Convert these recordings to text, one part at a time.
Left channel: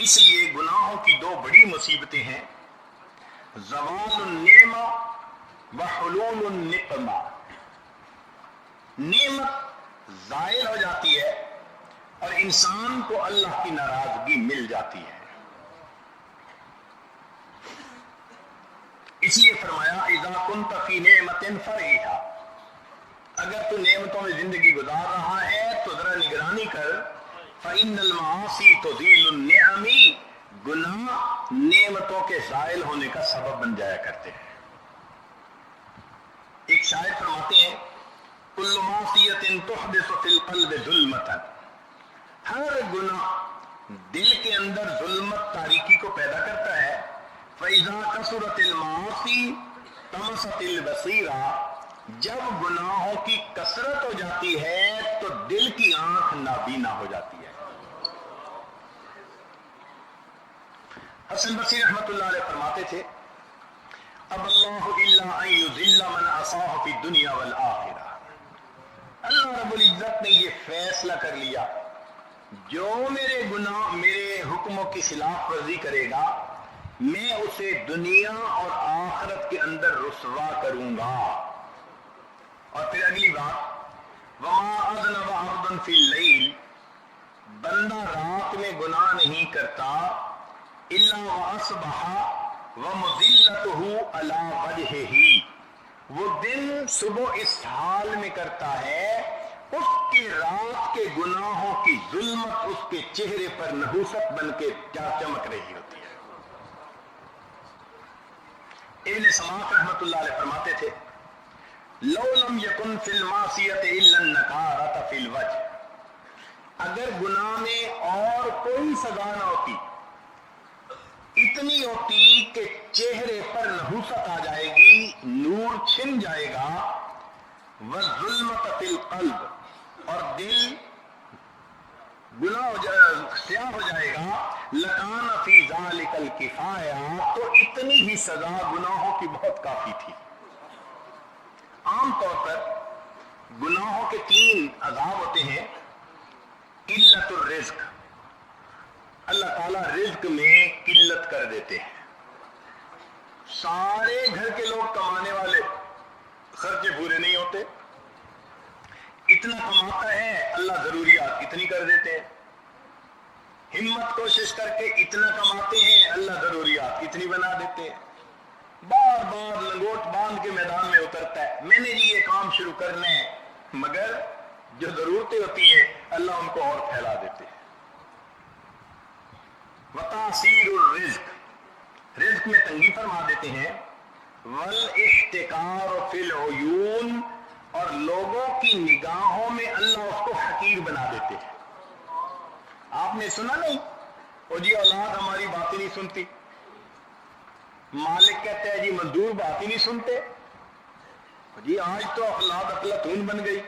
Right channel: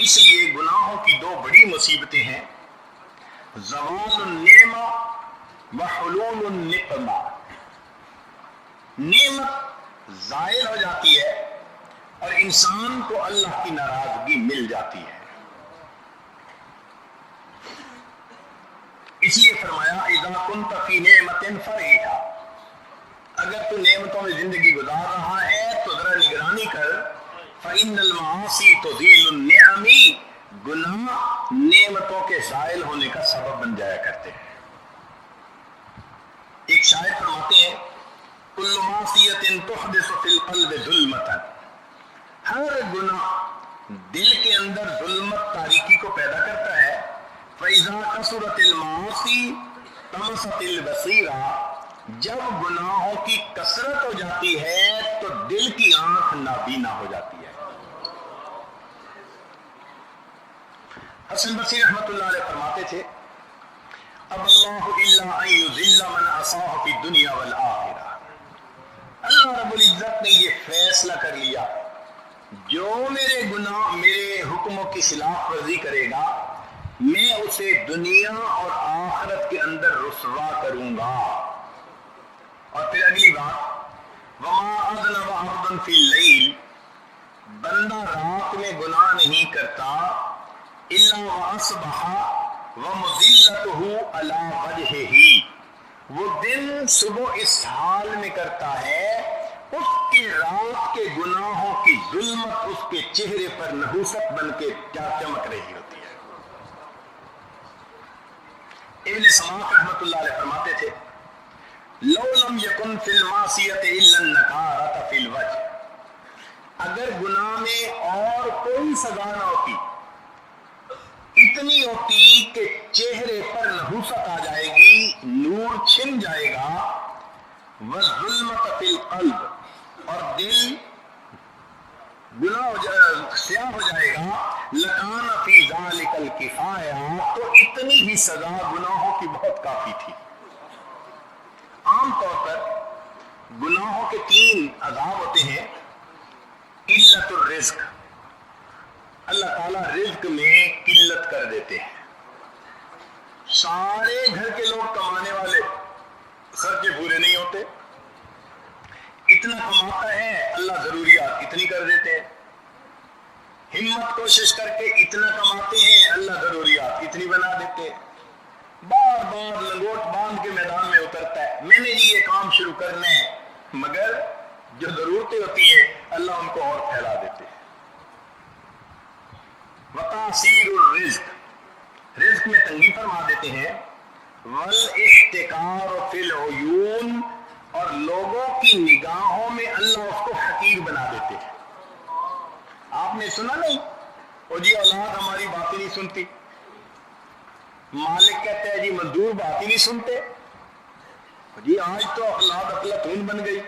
اس لیے گناہوں کی دو بڑی مصیبتیں ہیں، زوال النعمہ و حلول النقمہ۔ نعمت زائل ہو جاتی ہے اور انسان کو اللہ کی ناراضگی مل جاتی ہے۔ اس لیے فرمایا اذا كنت في نعمة فرحا، اگر تو نعمتوں میں زندگی گزار رہا ہے تو ذرا نگرانی کر، فإن المعاصی تزيل النعم، گناہ نعمتوں کے زائل ہونے کا سبب بن جایا کرتے ہیں۔ ایک شاعر فرماتے ہیں کل معصیۃ تحدث فی القلب ظلمۃ، ہر گناہ دل کے اندر ظلمت تاریکی کو پیدا کرتا ہے۔ فإذا كثرت المعاصی طمست البصیرہ، جب گناہوں کی کثرت ہو جاتی ہے تو دل کی آنکھ نابینا ہو جاتی ہے۔ حسن بصری رحمۃ اللہ علیہ فرماتے تھے اب اللہ الا ان یذل من عصاه فی الدنیا والآخرہ، اللہ رب العزت نے یہ فیصلہ کر لیا جو میرے گناہ میرے حکموں کی خلاف ورزی کرے گا میں اسے دنیا اور آخرت کے اندر رسوا کروں گا۔ اور پھر اگلی بات وما اذنب عبد فی اللیل، بندہ رات میں گناہ نہیں کرتا الا واصبح ومذلته علی وجهہ، وہ دن صبح اس حال میں کرتا ہے اس کے رات کے گناہوں کی ظلمت اس کے چہرے پر نحوست بن کے چمک رہی ہوتی ہے۔ ابن سماک رحمۃ اللہ علیہ فرماتے تھے لو لم یکن فی المعصیۃ الا النکارۃ فی الوجہ، اگر گناہ میں اور کوئی سزا نہ ہوتی، اتنی ہوتی کہ چہرے پر نحوست آ جائے گی، نور چھن جائے گا، والظلمۃ فی القلب، اور دل گناہ سیاہ ہو جائے گا، لکان فی ذالک الکفایہ، تو اتنی ہی سزا گناہوں کی بہت کافی تھی۔ عام طور پر گناہوں کے تین عذاب ہوتے ہیں، قلت الرزق، اللہ تعالیٰ رزق میں قلت کر دیتے ہیں، سارے گھر کے لوگ کمانے والے، خرچے پورے نہیں ہوتے، اتنا کماتا ہے اللہ ضروریات اتنی کر دیتے ہیں، ہمت کوشش کر کے اتنا کماتے ہیں اللہ ضروریات اتنی بنا دیتے ہیں، بار بار لنگوٹ باندھ کے میدان میں اترتا ہے میں نے جی یہ کام شروع کرنا ہے، مگر جو ضرورتیں ہوتی ہیں اللہ ان کو اور پھیلا دیتے ہیں۔ وتعسیر الرزق، رزق میں تنگی فرما دیتے ہیں، والاحتکار فی العیون، اور لوگوں کی نگاہوں میں اللہ اس کو حقیر بنا دیتے ہیں۔ آپ نے سنا نہیں او جی اولاد ہماری بات ہی نہیں سنتی، مالک کہتا ہے جی مزدور بات ہی نہیں سنتے، جی آج تو اولاد افلاطون بن گئی۔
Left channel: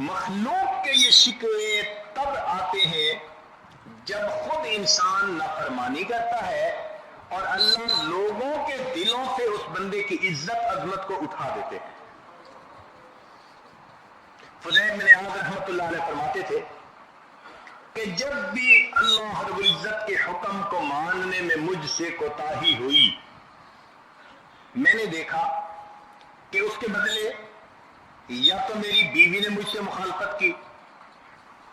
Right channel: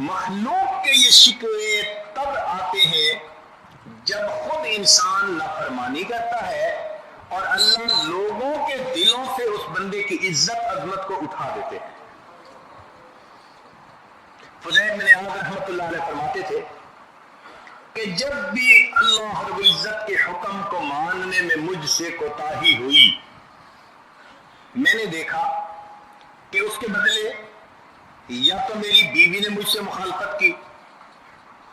مخلوق کے یہ شکوے تب آتے ہیں جب خود انسان نافرمانی کرتا ہے اور اللہ لوگوں کے دلوں سے اس بندے کی عزت عظمت کو اٹھا دیتے ہیں۔ فضیل بن عیاض رحمۃ اللہ علیہ فرماتے تھے کہ جب بھی اللہ رب العزت کے حکم کو ماننے میں مجھ سے کوتاہی ہوئی، میں نے دیکھا کہ اس کے بدلے یا تو میری بیوی نے مجھ سے مخالفت کی،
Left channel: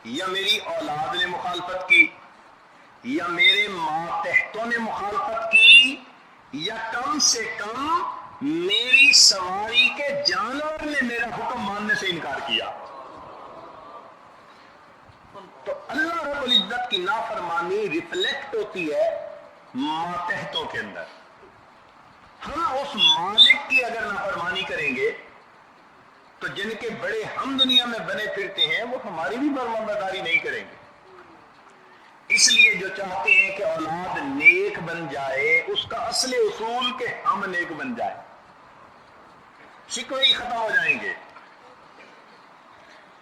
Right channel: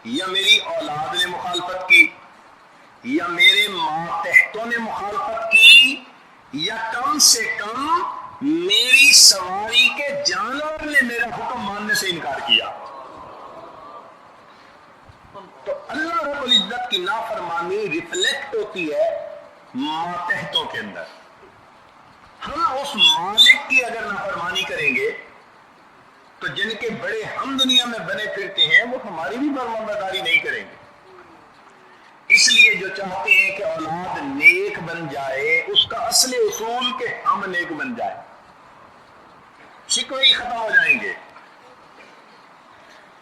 یا میری اولاد نے مخالفت کی، یا میرے ماتحتوں نے مخالفت کی، یا کم سے کم میری سواری کے جانور نے میرا حکم ماننے سے انکار کیا۔ تو اللہ رب العزت کی نافرمانی ریفلیکٹ ہوتی ہے ماتحتوں کے اندر۔ ہم اس مالک کی اگر نافرمانی کریں گے تو جن کے بڑے ہم دنیا میں بنے پھرتے ہیں وہ ہماری بھی فرمانبرداری نہیں کریں گے۔ اس لیے جو چاہتے ہیں کہ اولاد نیک بن جائے اس کا اصل اصول کہ ہم نیک بن جائیں، شکوے ہی ختم ہو جائیں گے۔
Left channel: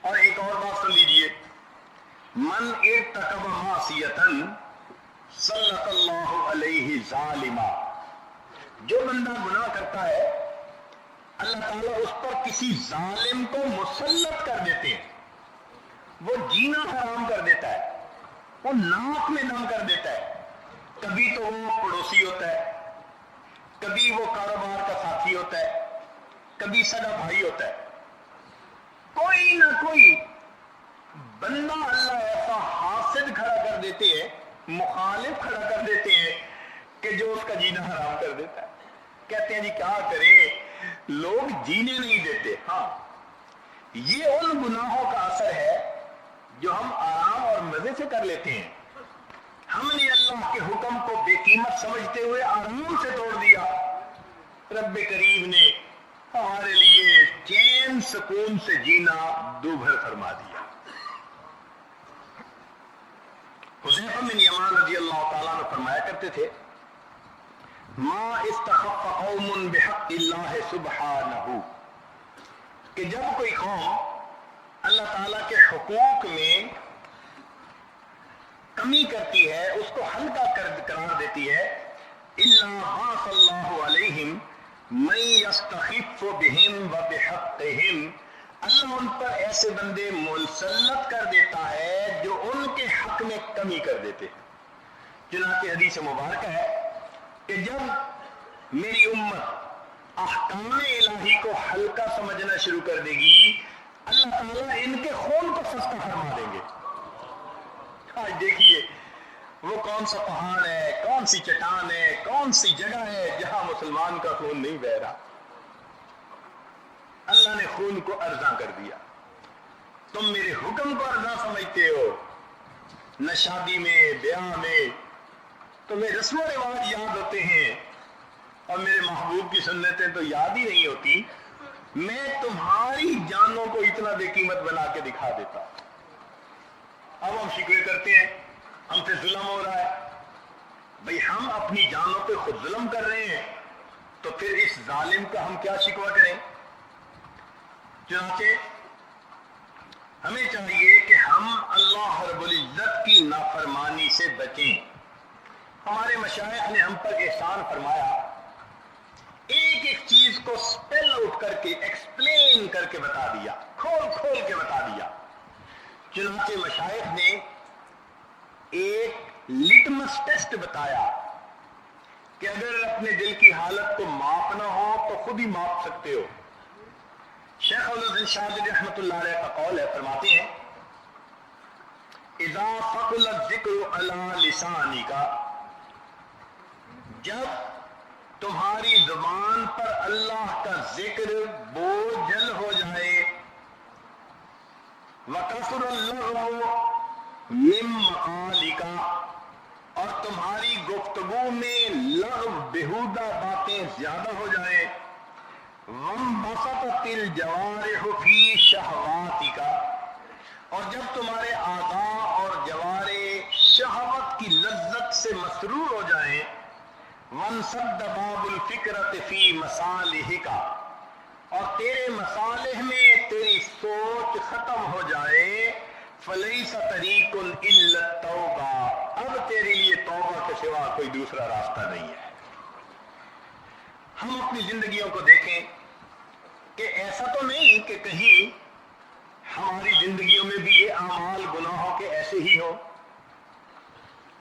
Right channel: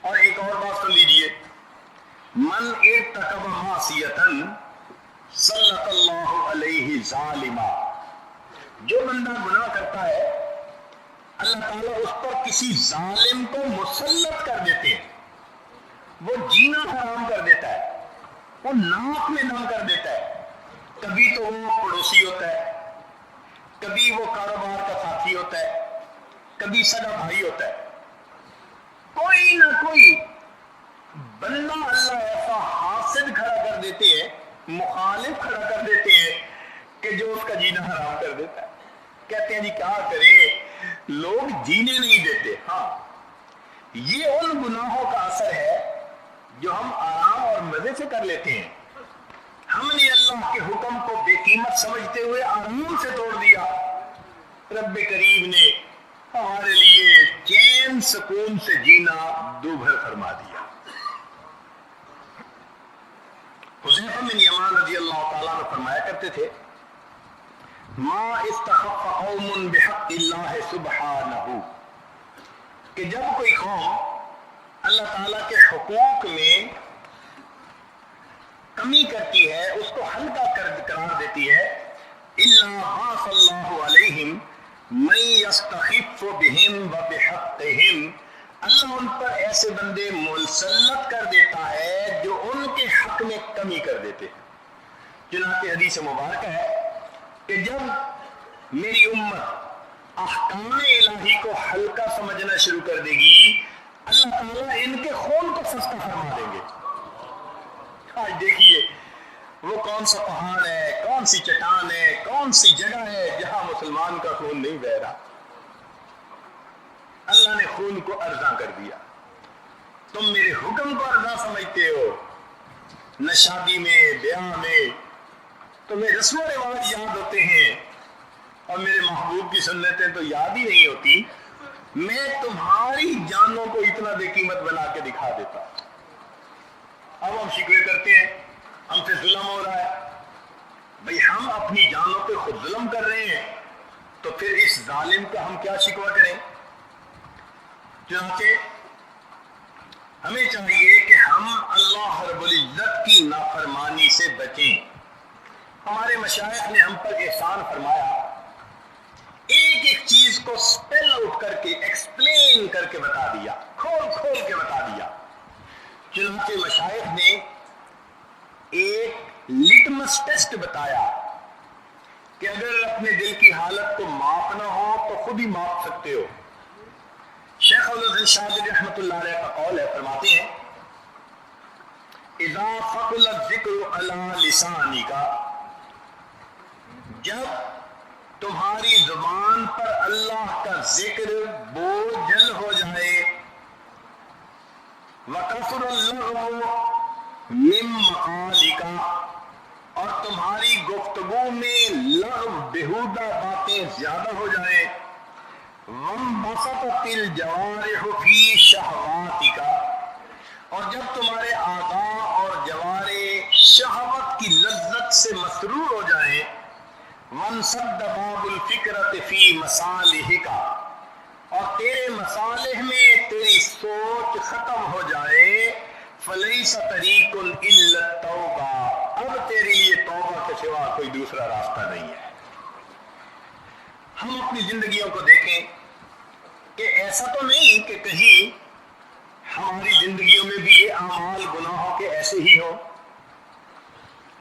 اور ایک اور بات سن لیجئے، من ارتکب معصیۃ سلط اللہ علیہ ظالما، جو بندہ گناہ کرتا ہے اللہ تعالیٰ اس پر کسی ظالم کو مسلط کر دیتے ہیں، وہ جینا حرام کر دیتا ہے، وہ ناک میں دم کر دیتا ہے. کبھی تو وہ پڑوسی ہوتا ہے, کبھی وہ کاروبار کا ساتھی ہوتا ہے, کبھی سگا بھائی ہوتا ہے. کوئی نہ کوئی بندہ اللہ ایسا حاسد کھڑا کر دیتے ہیں, مخالف کھڑا کر دیتے ہیں کہ جو اس کا جینا حرام کر دیتا ہے. کہتے ہیں جی کیا کریں, لوگ جینے نہیں دیتے. ہاں, یہ ان گناہوں کا اثر ہے جو ہم آرام اور مزے سے کر لیتے ہیں. ہم نے اللہ کے حکم کو بے قیمت سمجھتے ہوئے آرام سے توڑ دیا. رب کریم نے ہمارے لیے چین سکون سے جینا دوبھر فرما دیا. حذیفہ بن یمان رضی اللہ تعالیٰ عنہ فرمایا کرتے تھے, ما استخف قوم بحق اللہ سبحانہ, کہ جب کوئی قوم اللہ تعالیٰ کے حقوق میں کمی کرتی ہے, اس کو ہلکا قرار دیتی ہے, الا بعث اللہ علیہم من یستخف بہم وبحقہم, اللہ ان پر ایسے بندے مسلط کر دیتا ہے جو ان کے حق میں کمی کر دیتے ہیں. چنانچہ حدیث مبارکہ ہے کہ جب میری امت احکام الہی کو ہلکا سمجھنا شروع کر دے گی, اللہ تعالیٰ ان کے خون کو سستا فرما دیں گے. آج دیکھیے وہ کون سا پہاڑ ہے, کون سی چٹان ہے, کون سی جگہ ہے جہاں مسلمان کا خون نہیں بہہ رہا. اللہ نے خون کو ارزاں کر دیا. تم میرے حکم کو ارزاں سمجھتے ہو. نہ شادی میں, بیاہ میں تمہیں رسم و رواج یاد ہوتے ہیں اور میرے محبوب کی سنتیں تو یاد ہی نہیں ہوتی. میں تمہاری جانوں کو اتنا بے قیمت بنا کے دکھا دیتا. اب ہم شکوے کرتے ہیں ہم سے ظلم ہو رہا ہے. بھئی ہم اپنی جانوں پہ خود ظلم کر رہے ہیں تو پھر اس ظالم کا ہم کیا شکوہ کریں. چنانچہ ہمیں چاہیے کہ ہم اللہ رب العزت کی نافرمانی سے بچیں. ہمارے مشائخ نے ہم پر احسان فرمایا, ایک ایک چیز کو سپیل آؤٹ کر کے, ایکسپلین کر کے بتا دیا, کھول کھول کے بتا دیا. چنانچہ مشائخ نے ایک لٹمس ٹیسٹ بتایا کہ اگر اپنے دل کی حالت کو ماپنا ہو تو خود ہی ماپ سکتے ہو. شیخ الدین شاذلی رحمۃ اللہ علیہ کا قول ہے, فرماتے ہیں اذا ثقل الذکر علی لسانک, جب تمہاری زبان پر اللہ کا ذکر بوجھل ہو جائے, وَكَثُرَ اللَّغْوُ مِن مَقَالِكَ, اور تمہاری گفتگو میں لغو بےہودہ باتیں زیادہ ہو جائیں, وَانبَسَطَتِ الْجَوَارِحُ فِي شَهْوَاتِكَ, اور جب تمہارے اعضاء اور جوارح شہوت کی لذت سے مسرور ہو جائیں, وَانْسَدَّ بَابُ الْفِكْرَةِ فِي مَصَالِحِكَ, اور تیرے مصالح میں تیری سوچ ختم ہو جائے, فَلَيْسَ طَرِيقٌ إِلَّا التَّوْبَةُ, اب تیرے لیے توبہ کے سوا کوئی دوسرا راستہ نہیں ہے. ہم اپنی زندگیوں کو دیکھیں کہ ایسا تو نہیں کہ کہیں ہماری زندگیوں میں بھی یہ اعمال گناہوں کے ایسے ہی ہو.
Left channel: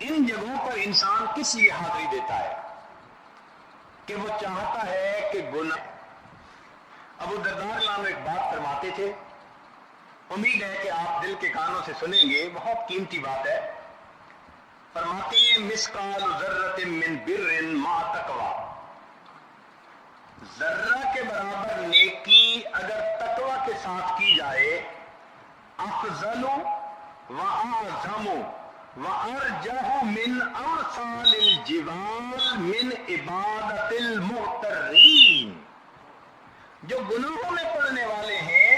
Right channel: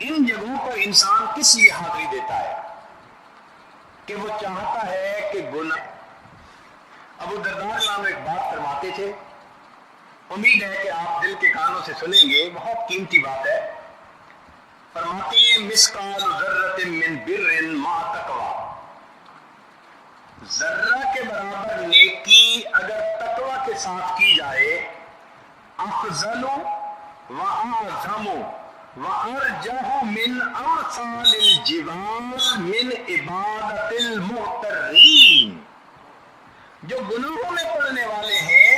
ان جگہوں پر انسان کس لیے حاضری دیتا ہے کہ وہ چاہتا ہے کہ گناہ. ابو الدرداء نام ایک بات فرماتے تھے, امید ہے کہ آپ دل کے کانوں سے سنیں گے, بہت قیمتی بات ہے. فرماتے ہیں مثقال ذرۃ من بر مع تقوی, ذرہ کے برابر نیکی اگر تقوی کے ساتھ کی جائے, افضل واعظم وارجح من امثال الجبال من عبادت المغترین. جو گناہوں میں پڑنے والے ہیں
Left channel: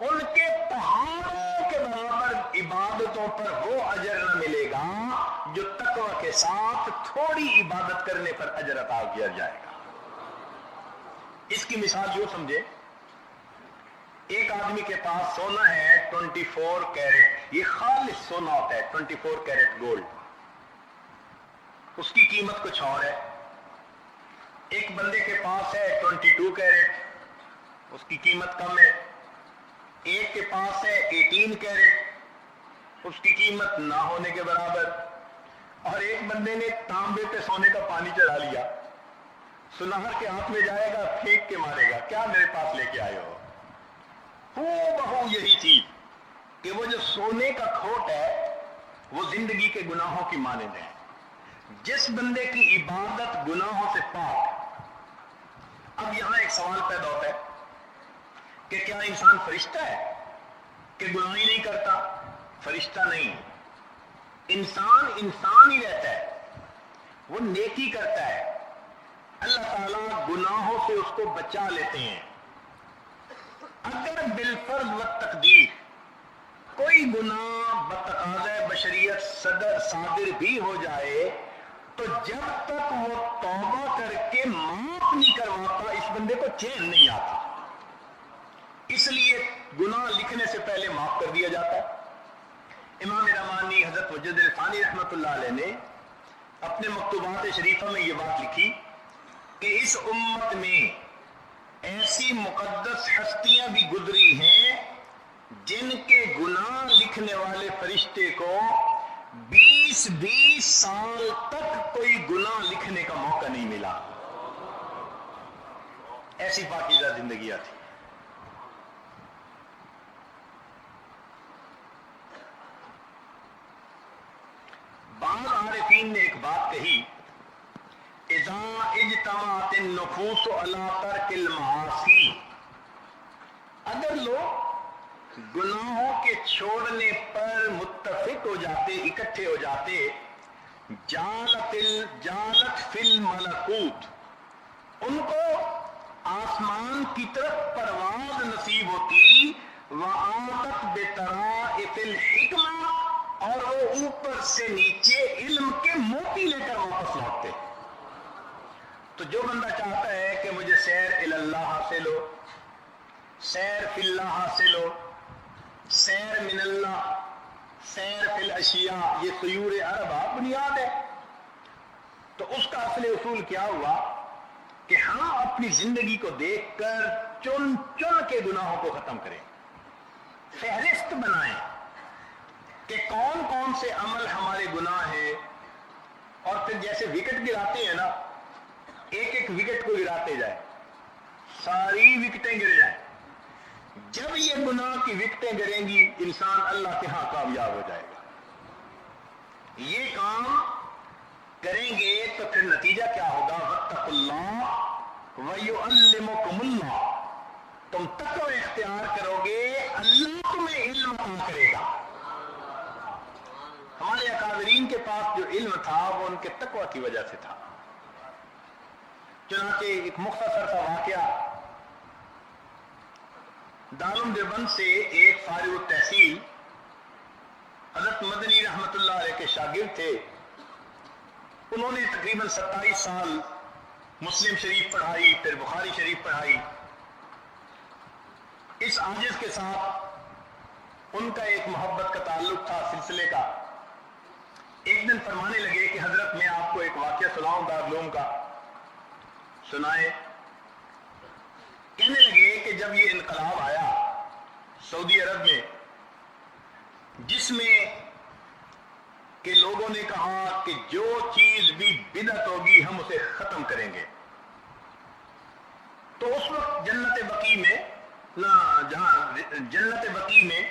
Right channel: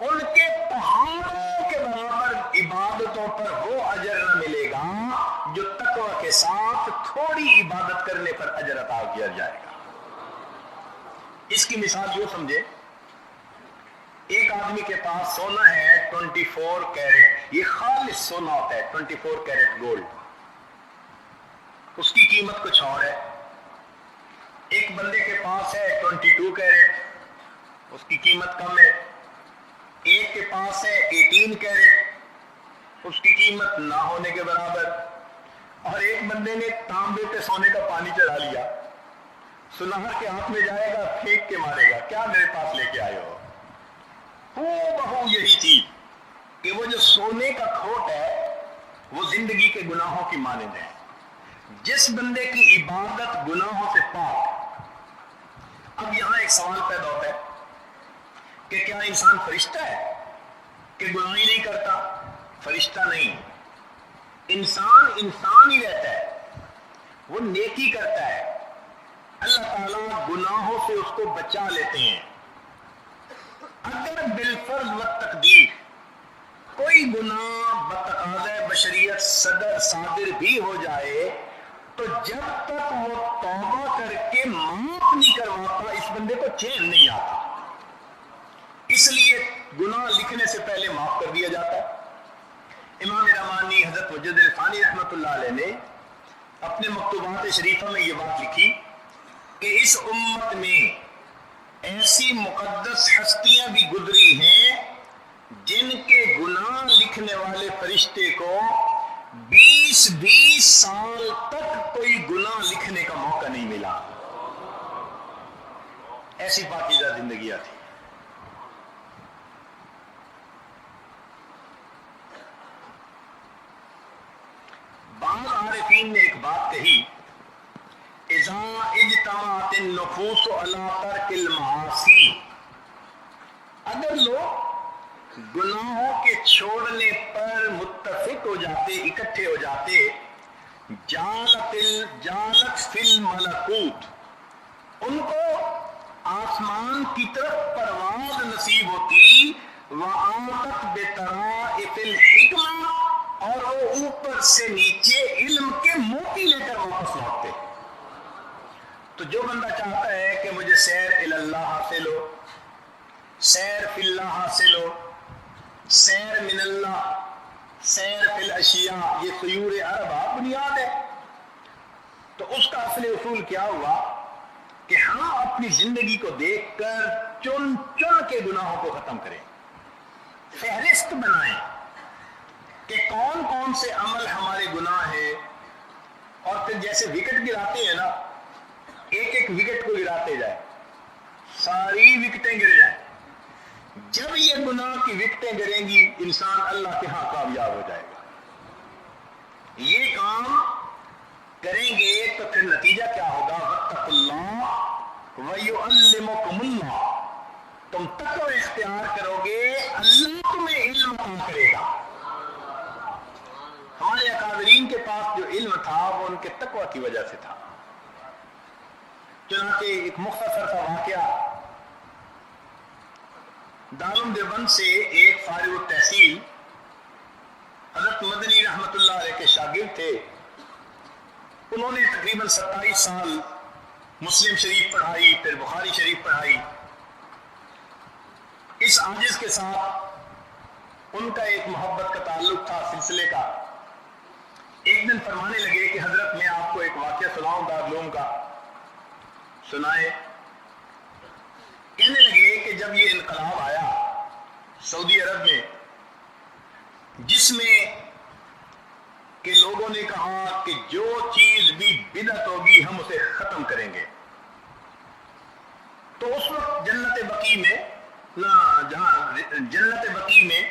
ان کے پہاڑوں کے برابر عبادتوں پر وہ اجر نہ ملے گا جو تقوی کے ساتھ تھوڑی عبادت کرنے پر اجر عطا کیا جائے گا. اس کی مثال یوں سمجھے, ایک آدمی کے پاس سونا ہے 24 کیرٹ, یہ خالص سونا ہوتا ہے 24 کیرٹ گولڈ, اس کی قیمت کچھ اور ہے. ایک بندے کے پاس ہے 22 کیرٹ, اس کی قیمت کم ہے. ایک کے پاس ہے 18 کیرٹ, اس کی قیمت نہ ہونے کے برابر، اور ایک بندے نے تانبے پہ سونے کا پانی چڑھا لیا، سنہر کے ہاتھ میں جائے گا، پھینک کے مارے گا، کیا میرے پاس لے کے آئے ہو؟ بہو یہی چیز کہ وہ جو سونے کا کھوٹ ہے وہ زندگی کے گناہوں کی مانند ہے۔ جس بندے کی عبادت گناہوں سے پاک، اب یہاں ایک سوال پیدا ہوتا ہے کہ کیا انسان فرشتہ ہے کہ گناہ ہی نہیں کرتا؟ فرشتہ نہیں، انسان ہی رہتا ہے، وہ نیکی کرتا ہے، اللہ تعالیٰ گناہوں سے اس کو بچا لیتے ہیں۔ اگر بالفرض و تقدیر کوئی گناہ بتقاضۂ بشریت صادر بھی ہو جائے تو جب تک وہ توبہ کر کے معاف نہیں کرواتا اس بندے کو چین نہیں آتا، اس لیے گناہ لکھنے سے پہلے معاف کر دیا جاتا ہے۔ امام رحمانی حضرت وجد الفانی رحمۃ اللہ علیہ نے اپنے مکتوبات شریفہ میں یہ بات لکھی کہ اس امت میں ایسی مقدس ہستیاں بھی گزری ہیں جن کے گناہ لکھنے والے فرشتے کو 20 سال تک کوئی گناہ لکھنے کا موقع نہیں ملا، ایسی پاکیزہ زندگیاں تھی۔ بعض عارفین نے ایک بات کہی، اذا اجتمعت النفوس علی ترک المعاصی، اگر لوگ گناہوں کے چھوڑنے پر متفق ہو جاتے، اکٹھے ہو جاتے، جالت فی الملکوت، ان کو آسمان کی طرف پرواز نصیب ہوتی، وآتت بطرائف الحکمہ، اور وہ اوپر سے نیچے علم کے موتی لے کر واپس لوٹتے۔ تو جو بندہ چاہتا ہے کہ مجھے سیر الی اللہ حاصل ہو، سیر فی اللہ حاصل ہو، سیر من اللہ، سیر فی الاشیاء، یہ سیور اربع بنیاد ہے، تو اس کا اصل اصول کیا ہوا کہ ہاں اپنی زندگی کو دیکھ کر چن کے گناہوں کو ختم کریں، فہرست بنائیں کہ کون سے عمل ہمارے گناہ ہیں، اور پھر جیسے وکٹ گراتے ہیں نا، ایک وکٹ کو گراتے جائیں، ساری وکٹیں گر جائیں، جب یہ گناہ کی وکٹیں گریں گی انسان اللہ کے ہاں کامیاب ہو جائے گا۔ یہ کام کریں گے تو پھر نتیجہ کیا ہوگا؟ واتقوا اللہ ویعلمکم اللہ، تم تقوی اختیار کرو گے، اللہ تمہیں علم عطا کرے گا۔ ہمارے اکابرین کے پاس جو علم تھا وہ ان کے تقوی کی وجہ سے تھا۔ چنانچہ ایک مختصر سا واقعہ، دارالعلوم دیوبند سے ایک فارغ التحصیل حضرت مدنی رحمت اللہ علیہ کے شاگرد تھے، انہوں نے تقریباً 27 سال مسلم شریف پڑھائی، پھر بخاری شریف پڑھائی۔ اس عاجز کے ساتھ ان کا ایک محبت کا تعلق تھا، سلسلے کا۔ ایک دن فرمانے لگے کہ حضرت میں آپ کو ایک واقعہ سناؤں دارالعلوم کا، سنائے۔ کہنے لگے کہ جب یہ انقلاب آیا سعودی عرب میں، جس میں کہ لوگوں نے کہا کہ جو چیز بھی بدعت ہوگی ہم اسے ختم کریں گے، تو اس وقت جنت بقیع میں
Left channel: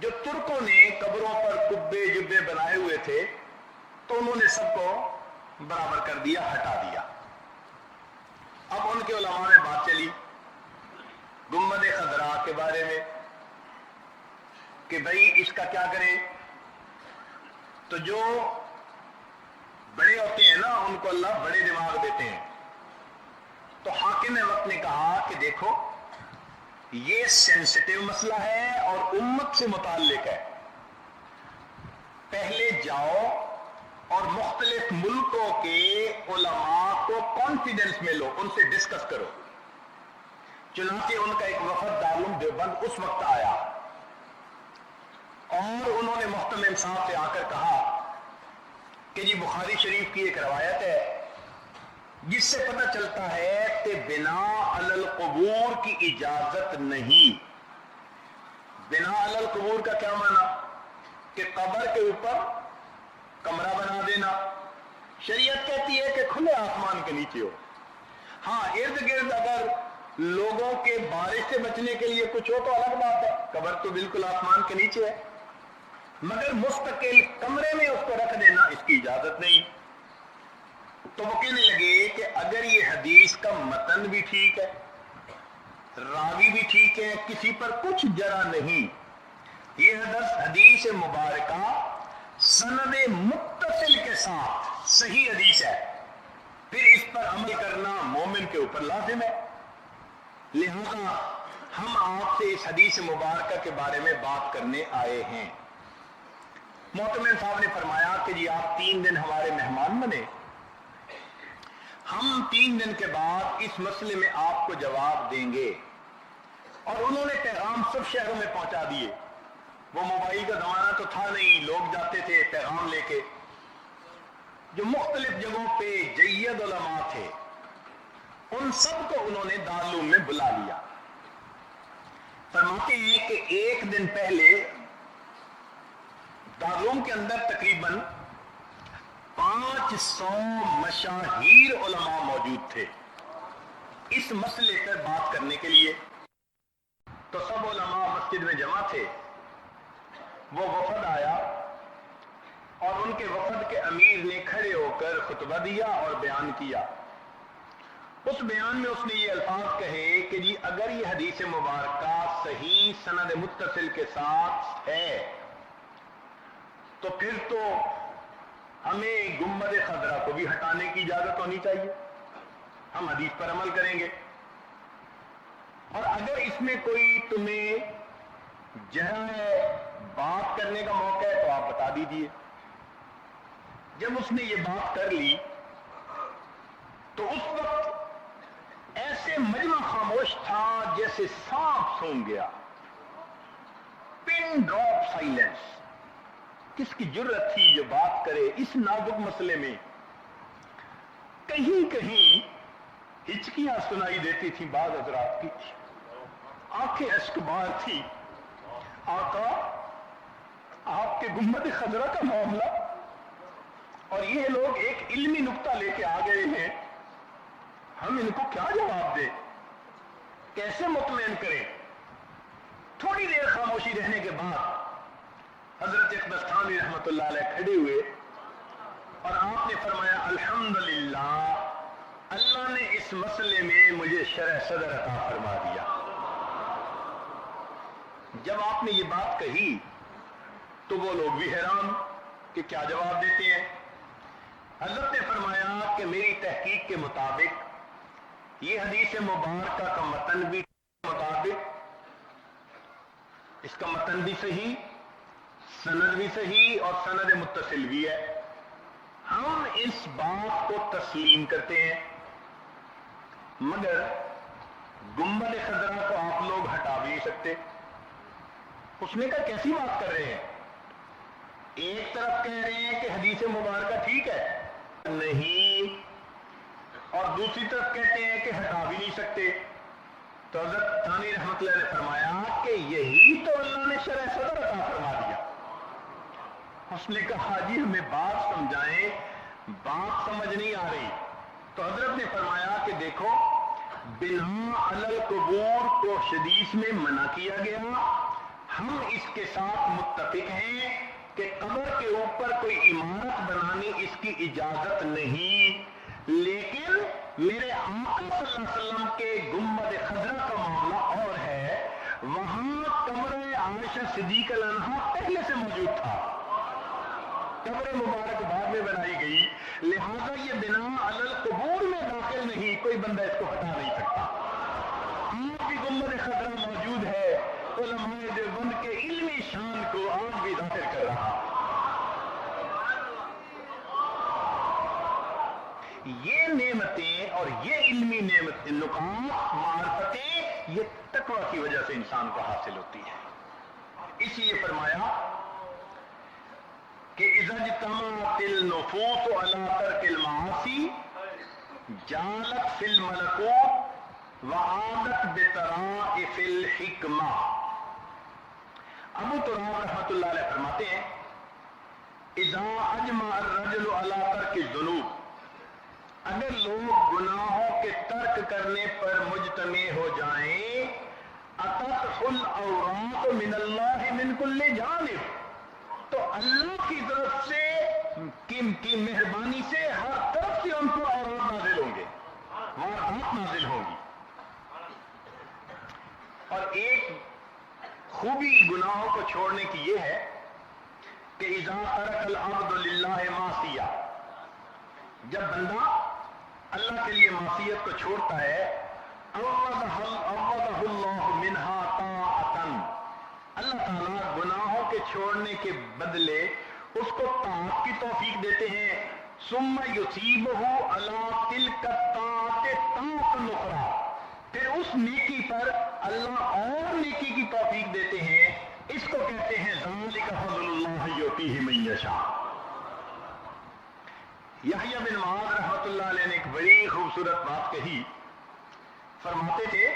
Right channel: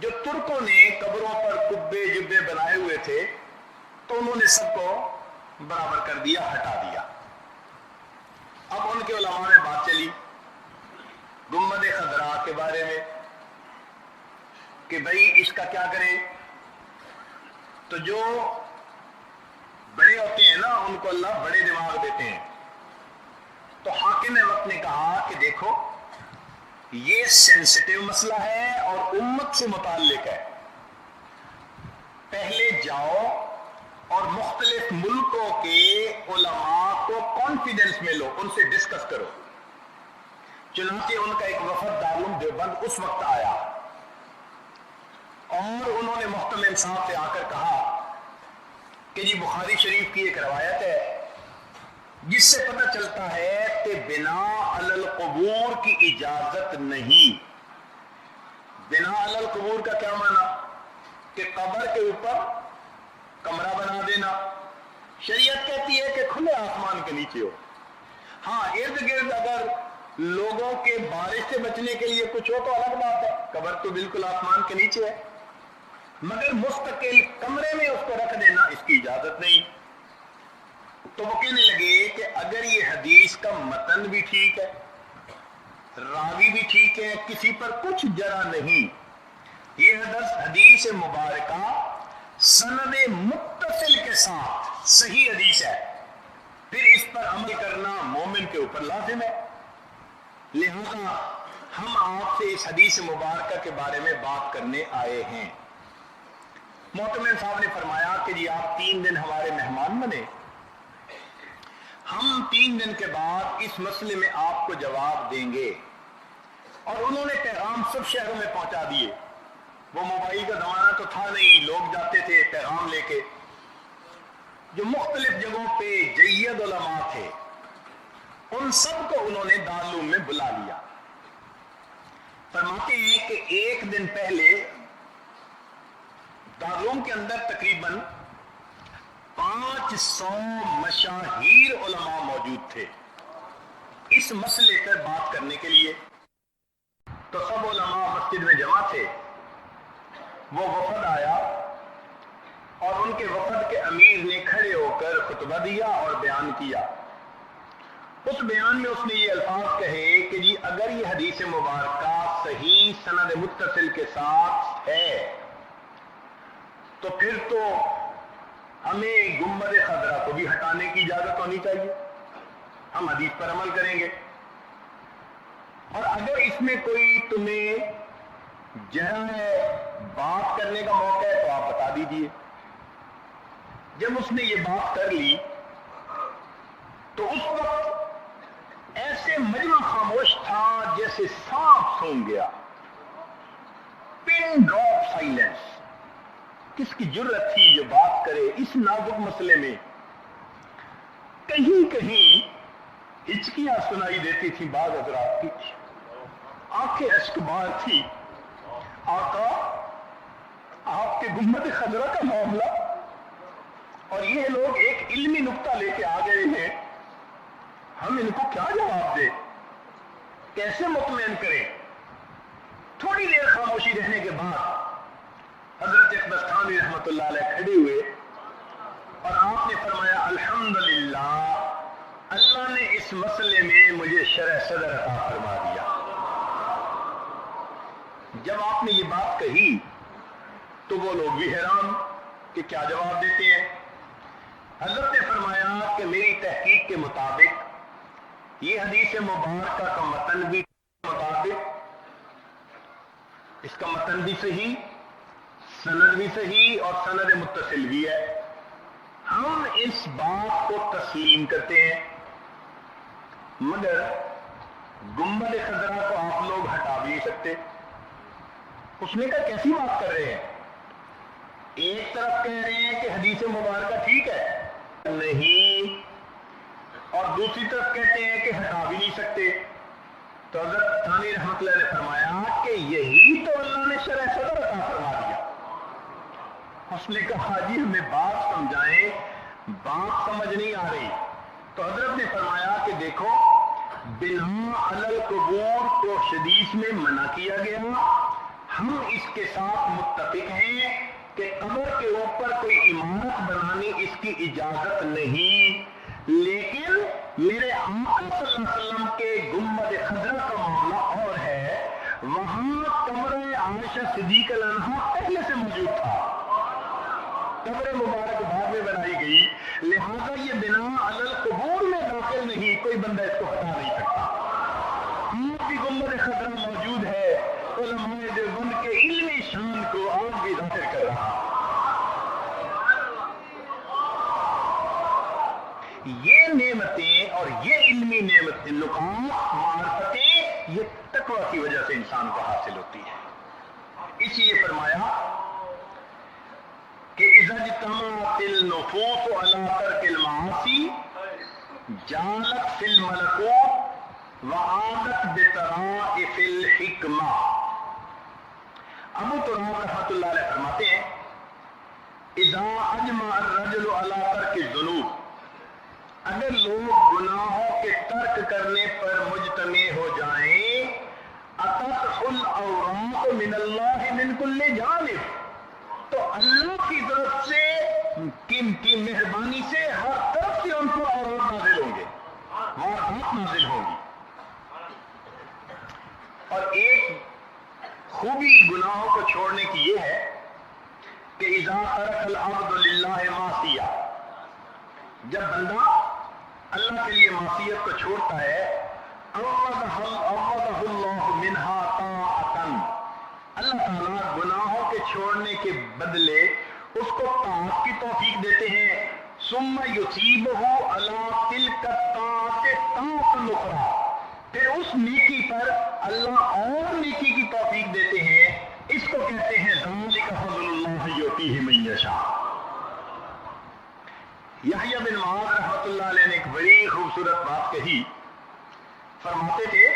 جو ترکوں نے قبروں پر کبے جبے بنائے ہوئے تھے تو انہوں نے سب کو برابر کر دیا، ہٹا دیا۔ اب ان کے علماء میں بات چلی گنبد خضراء کے بارے میں کہ بھائی اس کا کیا کریں، تو جو بڑے ہوتے ہیں نا ان کو اللہ بڑے دماغ دیتے ہیں، تو حاکم وقت نے کہا کہ دیکھو یہ سینسٹیو مسئلہ ہے اور امت سے متعلق ہے، پہلے جاؤ اور مختلف ملکوں کے علماء کو کانفیڈنس میں لو، ان سے ڈسکس کرو۔ چنانچہ ان کا ایک وفد دارالعلوم دیوبند اس وقت آیا اور انہوں نے محتمم صاحب سے آ کر کہا کہ جی بخاری شریف کی ایک روایت ہے جس سے پتہ چلتا ہے کہ بنا علی القبور کی اجازت نہیں۔ بنا علی القبور کا کیا معنی؟ کہ قبر کے اوپر کمرہ بنا دینا، شریعت کہتی ہے کہ کھلے آسمان کے نیچے ہو. ہاں ارد گرد اگر لوگوں کے بارش سے بچنے کے لیے کچھ ہو تو الگ بات ہے، قبر تو بالکل آسمان کے نیچے ہے، مگر مستقل کمرے میں اس کو رکھ دینا اس کی اجازت نہیں. تو وہ کہنے لگے کہ اگر یہ حدیث کا متن بھی ٹھیک ہے، راوی بھی ٹھیک ہے، کسی پر کچھ جرح نہیں، یہ حدیث مبارکہ سند متصل کے ساتھ صحیح حدیث ہے، پھر اس پر عمل کرنا مومن کے اوپر لازم ہے. لہذا ہم آپ سے اس حدیث مبارکہ کے بارے میں بات کرنے آئے ہیں. محتمم صاحب نے فرمایا کہ جی آپ 3 دن ہمارے مہمان بنے، ہم 3 دن کے بعد اس مسئلے میں آپ کو جواب دیں گے. اور انہوں نے پیغام سب شہروں میں پہنچا دیے. وہ موبائل کا زمانہ تو تھا نہیں، لوگ جاتے تھے پیغام لے کے. جو مختلف جگہوں پہ جید علماء تھے ان سب کو انہوں نے دارالعلوم میں بلا لیا. فرماتے ہیں کہ 1 دن پہلے دارالعلوم کے اندر تقریباً 500 مشاہیر علماء موجود تھے اس مسئلے پر بات کرنے کے لیے. تو سب علماء مسجد میں جمع تھے. وہ وفد آیا اور ان کے وفد کے امیر نے کھڑے ہو کر خطبہ دیا اور بیان کیا. اس بیان میں اس نے یہ الفاظ کہے کہ جی اگر یہ حدیث مبارکہ صحیح سند متصل کے ساتھ ہے تو پھر تو ہمیں گنبد خضرا کو بھی ہٹانے کی اجازت ہونی چاہیے، ہم حدیث پر عمل کریں گے. اور اگر اس میں کوئی تمہیں جہاں بات کرنے کا موقع ہے تو آپ بتا دیجئے. جب اس نے یہ بات کر لی تو اس وقت ایسے مجمع خاموش تھا جیسے سانپ سونگ گیا. Pin drop silence. کس کی جرت تھی جو بات کرے اس نازک مسئلے میں؟ کہیں کہیں ہچکیاں سنائی دیتی تھی بعض حضرات کی، آنکھیں اشک بار تھی. آقا آپ کے گنبد خضرا کا معاملہ، اور یہ لوگ ایک علمی نقطہ لے کے آ گئے ہیں، ہم ان کو کیا جواب دیں، کیسے مطمئن کریں؟ تھوڑی دیر خاموشی رہنے کے بعد حضرت اقدس تھانوی رحمۃ اللہ علیہ کھڑے ہوئے اور آپ نے فرمایا الحمدللہ اللہ نے اس مسئلے میں مجھے شرح صدر عطا فرما دیا. جب آپ نے یہ بات کہی تو وہ لوگ بھی حیران کہ کیا جواب دیتے ہیں. حضرت نے فرمایا کہ میری تحقیق کے مطابق یہ حدیث مبارکہ کا متن بھی مطابق اس کا متن بھی صحیح، سند بھی صحیح اور سند متصل بھی ہے. ہم اس بات کو تسلیم کرتے ہیں، مگر گنبد خضرا کو آپ لوگ ہٹا بھی نہیں سکتے. اس نے کہا کیسی بات کر رہے ہیں؟ ایک طرف کہہ رہے ہیں کہ حدیث مبارکہ ٹھیک ہے نہیں، اور دوسری طرف کہتے ہیں کہ ہٹا بھی نہیں سکتے. تو حضرت ثانی رحمۃ اللہ نے فرمایا کہ یہی تو اللہ نے شرح صدر عطا فرما دیا. اس نے کہا جی ہمیں بات سمجھائیں، بات سمجھ نہیں آ رہی. تو حضرت نے فرمایا کہ دیکھو بنا علی القبور کو حدیث میں منع کیا گیا، ہم اس کے ساتھ متفق ہیں کہ قبر کے اوپر کوئی عمارت بنانی اس کی اجازت نہیں، لیکن میرے آقا صلی اللہ علیہ وسلم کے گنبد خضرا کا معاملہ اور ہے. وہاں قبر عائشہ صدیقہ عنہا پہلے سے موجود تھا، قبر مبارک بعد میں بنائی گئی، لہذا یہ بنا علی القبور میں داخل نہیں، کوئی بندہ اس کو ہٹا نہیں سکتا. آپ کی گنبد خضرا موجود ہے، علماء دیوبند کے علمی شان کو آج بھی ظاہر کر رہا. یہ نعمتیں اور یہ علمی نعمتیں، نکات، معرفتیں، یہ تقوی کی وجہ سے انسان کو حاصل ہوتی ہے. اس لیے فرمایا کہ اذا اجتمعت النفوس علی ترک المعاصی جالت فی الملکوت وعادت بطرائف الحکمہ. ابو تراب رحمۃ اللہ علیہ فرماتے ہیں اذا اجمع الرجل علی ترک الذنوب، اگر لوگ گناہوں کے ترک کرنے پر مجتمع ہو جائیں، اتت الاوراق من اللہ من کل جانب، تو اللہ کی طرف سے کی مہربانی سے ہر طرف سے ان پر اوراد نازل ہوں گے، واردات نازل ہوں گی۔ اور ایک خوبی گناہوں کو چھوڑنے کی یہ ہے کہ اذا ترک العبد للہ معصیہ، جب بندہ اللہ کے لیے معصیت کو چھوڑتا ہے، عوضہ اللہ منہا طاعۃ، اللہ تعالیٰ گناہوں کے چھوڑنے کے بدلے اس کو طاعت کی توفیق دیتے ہیں، ثم یثیبہ علی تلک الطاعۃ طاعۃ اخری، پھر اس نیکی پر اللہ اور نیکی کی توفیق دیتے ہیں، اس کو کہتے ہیں ذالک فضل اللہ یؤتیہ من یشاء۔ یحییٰ بن معاذ رحمۃ اللہ علیہ نے ایک بڑی خوبصورت بات کہی، فرماتے تھے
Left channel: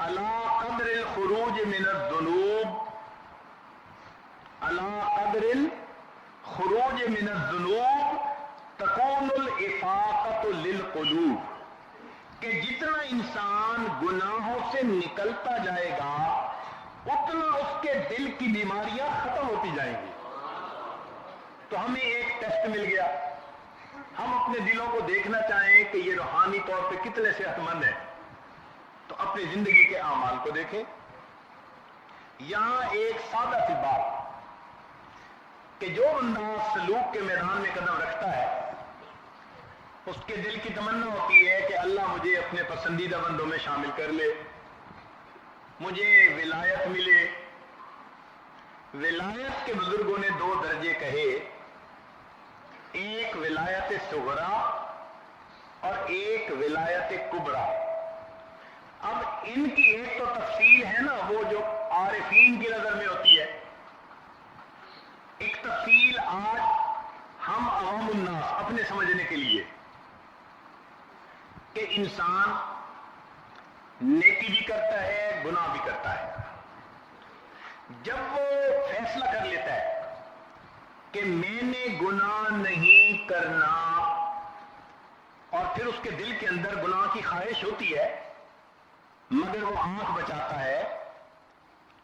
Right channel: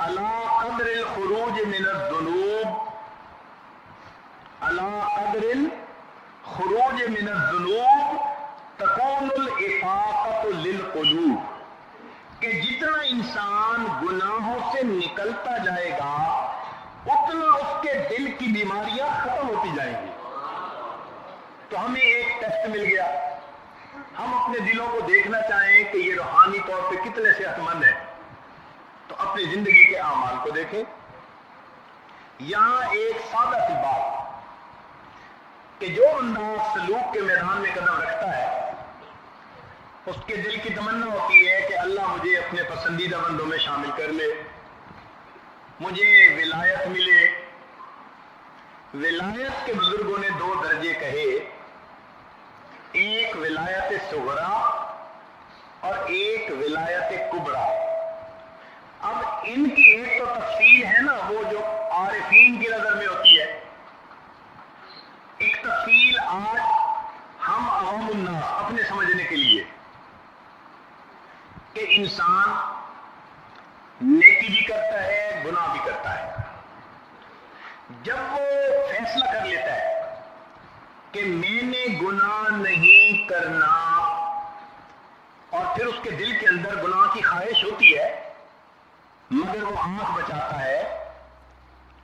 علی قدر الخروج من الذنوب، علی قدر الخروج من الذنوب تکون الافاقۃ للقلوب، کہ جتنا انسان گناہوں سے نکلتا جائے گا اتنا اس کے دل کی بیماریاں ختم ہوتی جائیں گی۔ تو ہمیں ایک ٹیسٹ مل گیا، ہم اپنے دلوں کو دیکھنا چاہیں کہ یہ روحانی طور پہ کتنے صحت مند ہیں، تو اپنی زندگی کے اعمال کو دیکھیں۔ یہاں ایک سادہ سی بات کہ جو بندہ سلوک کے میدان میں قدم رکھتا ہے، اس کے دل کی تمنا ہوتی ہے کہ اللہ مجھے اپنے پسندیدہ بندوں میں شامل کر لے، مجھے ولایت ملے۔ ولایت کے بزرگوں نے دو درجے کہے، ایک ولایت صغرا اور ایک ولایت کبرا۔ اب ان کی ایک تو تفصیل ہے نا، وہ جو عارفین کی نظر میں ہوتی ہے، ایک تفصیل آج ہم عوام الناس اپنے سمجھنے کے لیے کہ انسان نیکی بھی کرتا ہے گناہ بھی کرتا ہے، جب وہ فیصلہ کر لیتا ہے کہ میں نے گناہ نہیں کرنا، اور پھر اس کے دل کے اندر گناہ کی خواہش ہوتی ہے، مگر وہ آنکھ بچاتا ہے،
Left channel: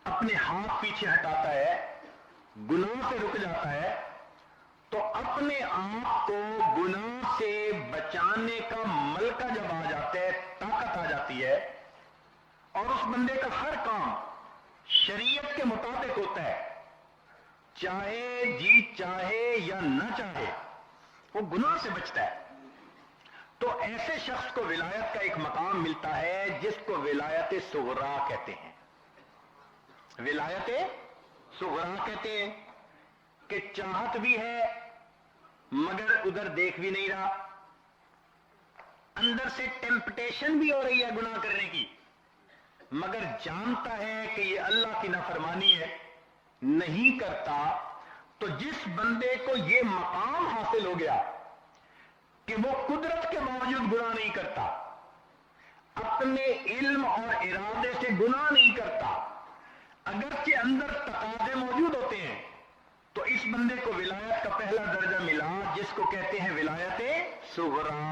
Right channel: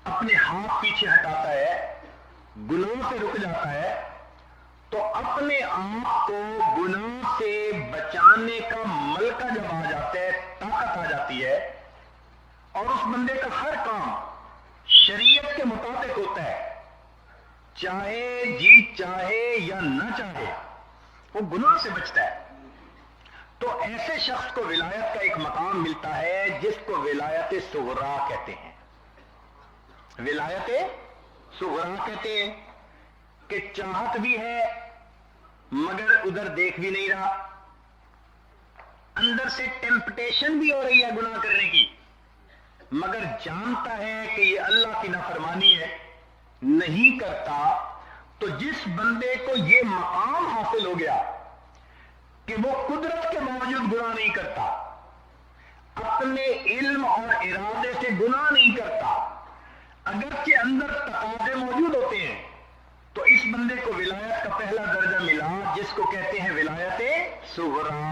اپنے ہاتھ پیچھے ہٹاتا ہے، گناہ سے رک جاتا ہے، تو اپنے آپ کو گناہ سے بچانے کا ملکہ جب آ جاتا ہے، طاقت آ جاتی ہے، اور اس بندے کا ہر کام شریعت کے مطابق ہوتا ہے، چاہے جی چاہے یا نہ چاہے وہ گناہ سے بچتا ہے، تو ایسے شخص کو ولایت کا ایک مقام ملتا ہے جس کو ولایت صغرا کہتے ہیں۔ ولایت صغرا کہتے ہیں کہ چاہت بھی ہے مگر ادھر دیکھ بھی نہیں رہا، اندر سے ٹیمپٹیشن بھی ہو رہی ہے گناہ کرنے کی، مگر جانتا ہے کہ یہ اللہ کی نافرمانی ہے، نہیں کرتا۔ تو جس بندے کو یہ مقام حاصل ہو گیا کہ وہ قدرت کے باوجود گناہ نہیں کرتا، اپنے علم اور ارادے سے گناہ نہیں کرتا، اگرچہ اندر تقاضے موجود ہوتے ہیں، تو اس بندے کو ولایت کا پہلا درجہ ملا جس کو کہتے ہیں ولایت صغرا،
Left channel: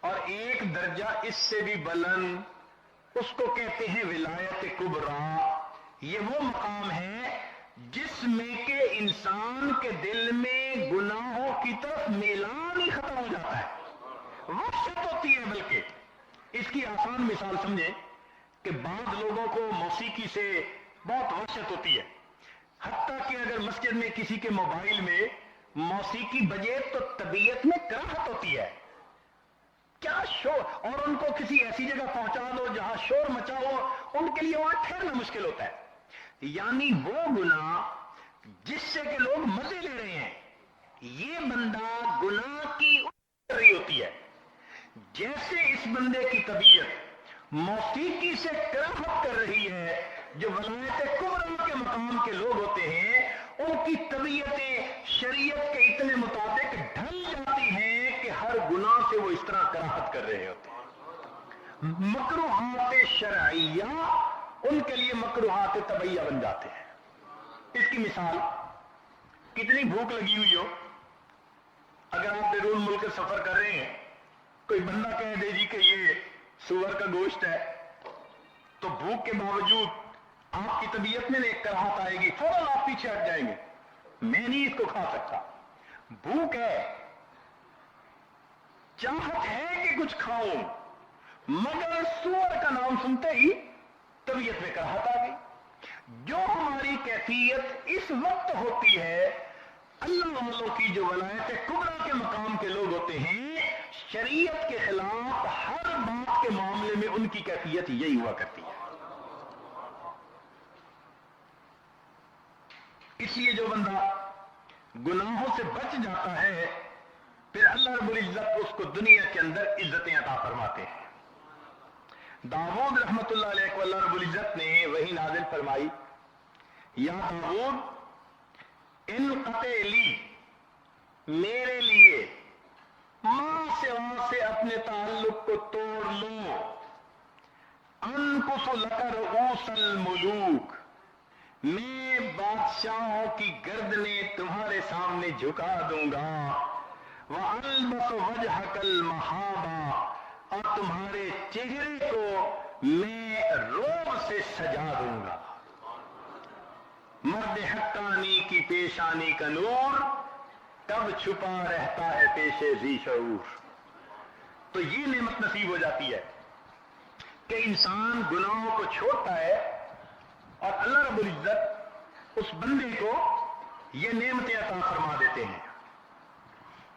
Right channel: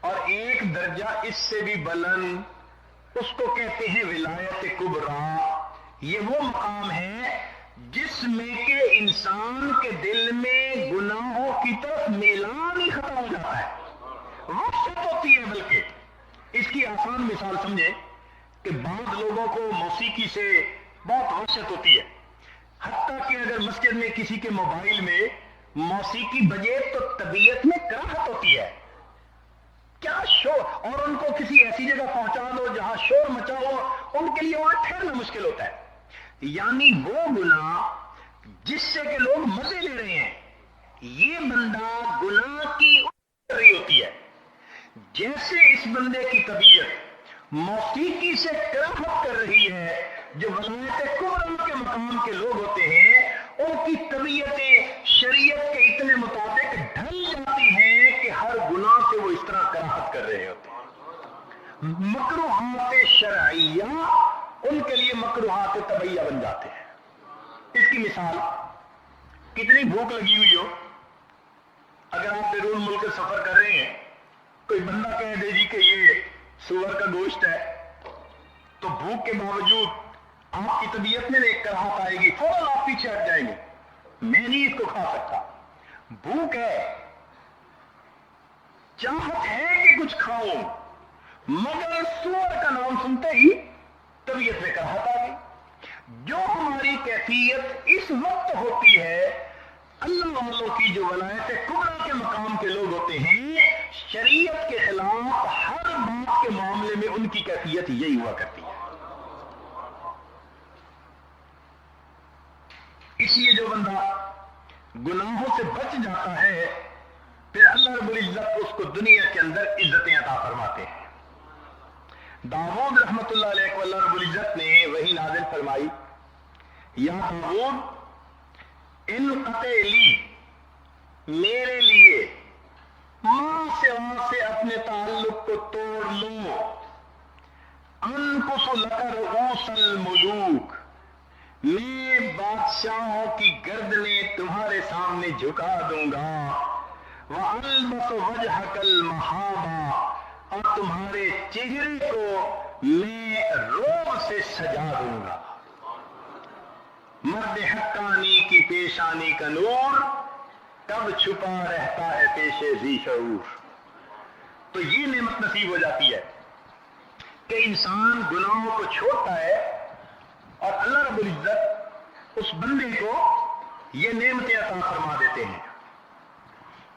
اور ایک درجہ اس سے بھی بلند اس کو کہتے ہیں ولایت کبرا۔ یہ وہ مقام ہے جس میں کہ انسان کے دل میں گناہوں کی طرف میلان ہی ختم ہو جاتا ہے، وحشت ہوتی ہے۔ بلکہ اس کی آسان مثال سمجھیں کہ بعض لوگوں کو موسیقی سے بہت وحشت ہوتی ہے، حتیٰ کہ اگر مسجد میں کسی کے موبائل میں موسیقی بجے تو طبیعت میں کراہت ہوتی ہے، کیا شور، اور ان کو کسی ایسی جگہ پہنچا دو جہاں شور مچا ہو، ان کے لیے وہاں ٹھہرنا مشکل ہوتا ہے۔ یعنی وہ گناہ جس سے کہ لوگ مزے لے رہے ہیں، یہ بندہ گناہ کی کر رہی ہوتی ہے۔ جیسے اس بندے کی طبیعت موسیقی سے کراہت کر رہی ہے، جو ولایت کبرا کے مقام کے لوگ ہوتے ہیں ان کی طبیعتیں شریعت کے اتنے مطابق ڈھل جاتی ہیں کہ ہر گناہ سے وہ اس طرح کراہت کر رہے ہوتے ہیں۔ مکروہات شرعیہ ان کے لیے مکروہات طبعیہ بن جاتے ہیں۔ اس کی مثال کتنی بھوک لگی ہوئی ہو، اگر آپ بیرون ملک سفر کر رہے ہیں، کوئی بندہ کہہ دے جی کہ یہ سور کا گوشت ہے، تو بھوک کے باوجود آپ کی طبیعت میں ایک کراہت آئے گی، فوراً آپ پیچھے ہٹ جائیں گے، میں نہیں اس کو کھا سکتا۔ بھوک ہے، چاہت ہے کہ کچھ کھاؤں، مگر سور کا نام سنتے ہی طبیعت میں کراہت آ گئی۔ جو ہماری کیفیت اس وقت ہوتی ہے، اللہ والوں کی جو ولایت کبریٰ کے مقام کے لوگ ہوتے ہیں، شریعت کے خلاف ہر بات کے معاملے میں ان کی کیفیت یہی ہوا کرتی ہے۔ اس لیے جو بندہ گناہوں سے بچ جاتا ہے، پھر اللہ رب العزت اس کو دنیا کے اندر عزتیں عطا فرماتے ہیں۔ داؤد رحمت اللہ علیہ کو اللہ رب العزت نے وحی نازل فرمائی، یا داؤد انقطع لی، میرے لیے ماں سے اپنے تعلق کو توڑ لو، انقص لک رؤوس الملوک، میں بادشاہوں کی گردنیں تمہارے سامنے جھکا دوں گا، وَأَلْبَسُ وَجْهَكَ الْمَحَابَةَ، اور تمہارے چہرے کو میں روب سے سجا دوں گا۔ مرد حقانی کی پیشانی کا نور کب چھپا رہتا ہے پیش ذی شعور۔ تو یہ نعمت نصیب ہو جاتی ہے کہ انسان گناہوں کو چھوڑتا ہے اور اللہ رب العزت اس بندے کو یہ نعمتیں عطا فرما دیتے ہیں۔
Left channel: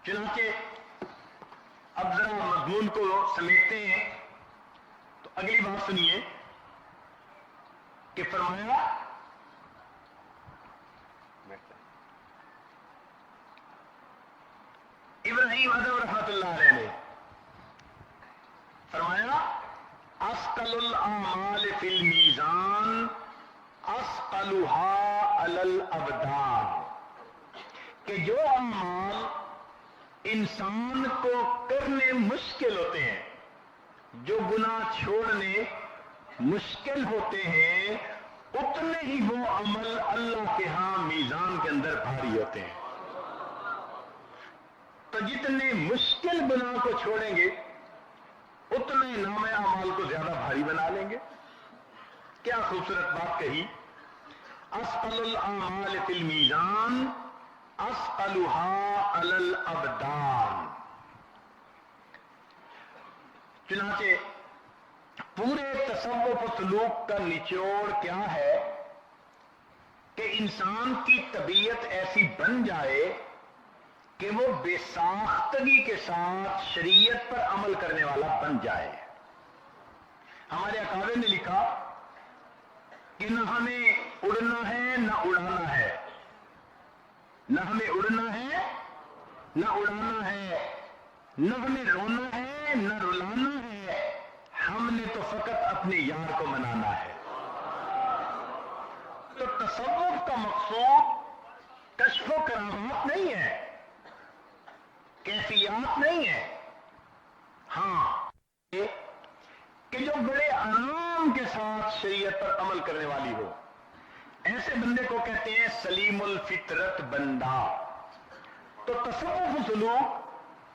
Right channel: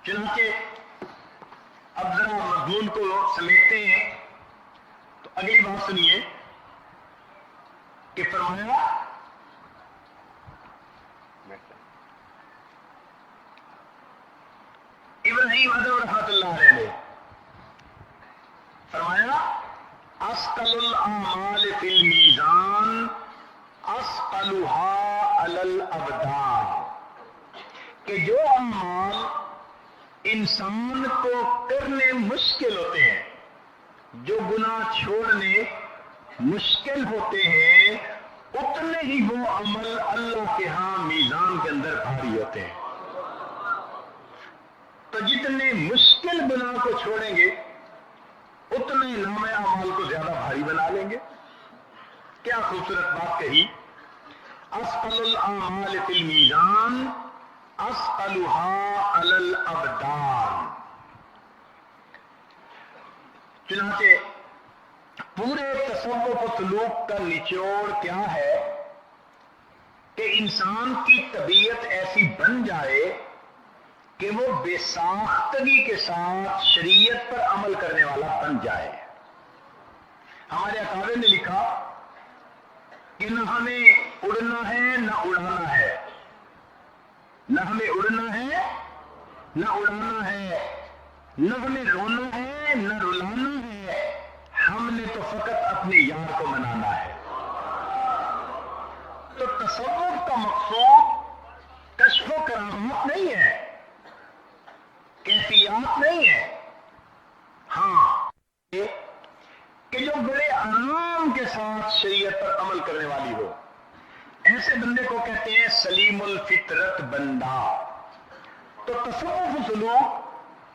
چنانچہ اب ذرا مضمون کو سمیٹتے ہیں، تو اگلی بات سنیے کہ فرمایا ابراہیم اعظم رحمت اللہ علیہ نے فرمایا، اثقل الاعمال فی المیزان اثقلها علی الابدان، کہ جو اعمال انسان کو کرنے مشکل ہوتے ہیں، جو گناہ چھوڑنے مشکل ہوتے ہیں، اتنے ہی وہ عمل اللہ کے ہاں میزان کے اندر بھاری ہوتے ہیں۔ تو جتنے مشکل گناہ کو چھوڑیں گے، اتنے نام اعمال کو زیادہ بھاری بنا لیں گے۔ کیا خوبصورت بات کہی، اثقل الاعمال فی المیزان اثقلها علی الابدان۔ چنانچہ پورے تصوف و سلوک کا نچوڑ کیا ہے کہ انسان کی طبیعت ایسی بن جائے کہ وہ بے ساختگی کے ساتھ شریعت پر عمل کرنے والا بن جائے۔ ہمارے اکابر نے لکھا کہ نہ ہمیں اڑنا ہے نہ اڑانا ہے، نہ ہمیں اڑنا ہے نہ اڑانا ہے، نہ ہمیں رونا ہے نہ رلانا ہے، ہم نے تو فقط اپنے یار کو منانا ہے۔ تو تصوف کا مقصود کشف و کرامات نہیں ہے، کیفیات نہیں ہے، ہاں کہ جو بڑے آرام کے ساتھ شریعت پر عمل کرنے والی ہو، ایسے بندے کو کہتے ہیں سلیم الفطرت بندہ۔ تو تصوف و سلوک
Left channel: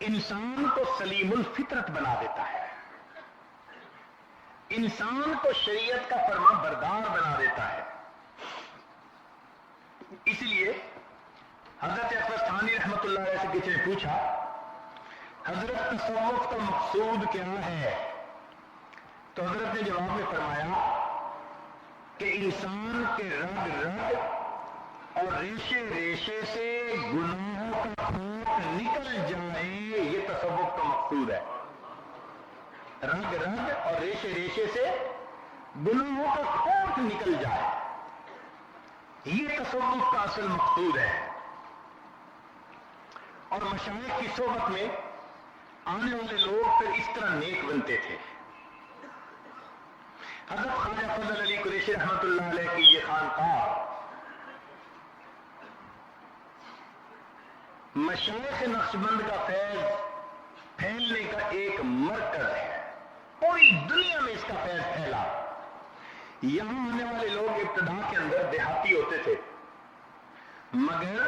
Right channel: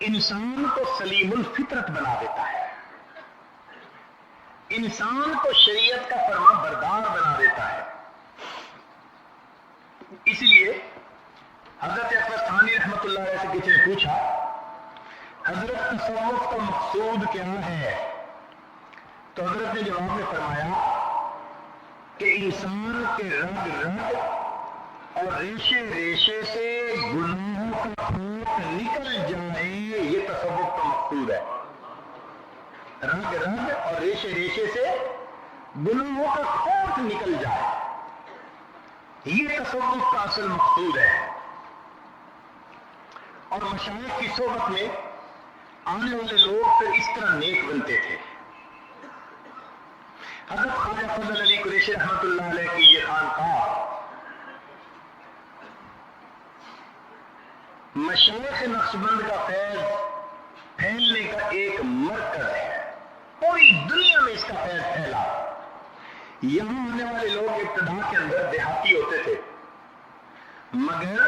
انسان کو سلیم الفطرت بنا دیتا ہے، انسان کو شریعت کا فرما بردار بنا دیتا ہے۔ اس لیے حضرت اقدس ثانی رحمت اللہ علیہ سے کسی نے پوچھا، حضرت تصوف کا مقصود کیا ہے؟ تو حضرت نے جواب میں فرمایا کہ انسان کے رگ رگ اور ریشے ریشے سے گناہوں کا کھوٹ نکل جائے، یہ تصوف کا مقصود ہے۔ رگ رگ اور ریشے ریشے سے گناہوں کا کھوٹ نکل جائے، یہ تصوف کا اصل مقصود ہے۔ اور مشائخ کی صحبت میں آنے والے لوگ پھر اس طرح نیک بنتے تھے۔ حضرت خواجہ فضل علی قریشی رحمت اللہ علیہ کی یہ خانقاہ مشائخ نقشبند کا فیض پھیلنے کا ایک مرکز ہے، پوری دنیا میں اس کا فیض پھیلا۔ یہاں آنے والے لوگ ابتدا کے اندر دیہاتی ہوتے تھے، مگر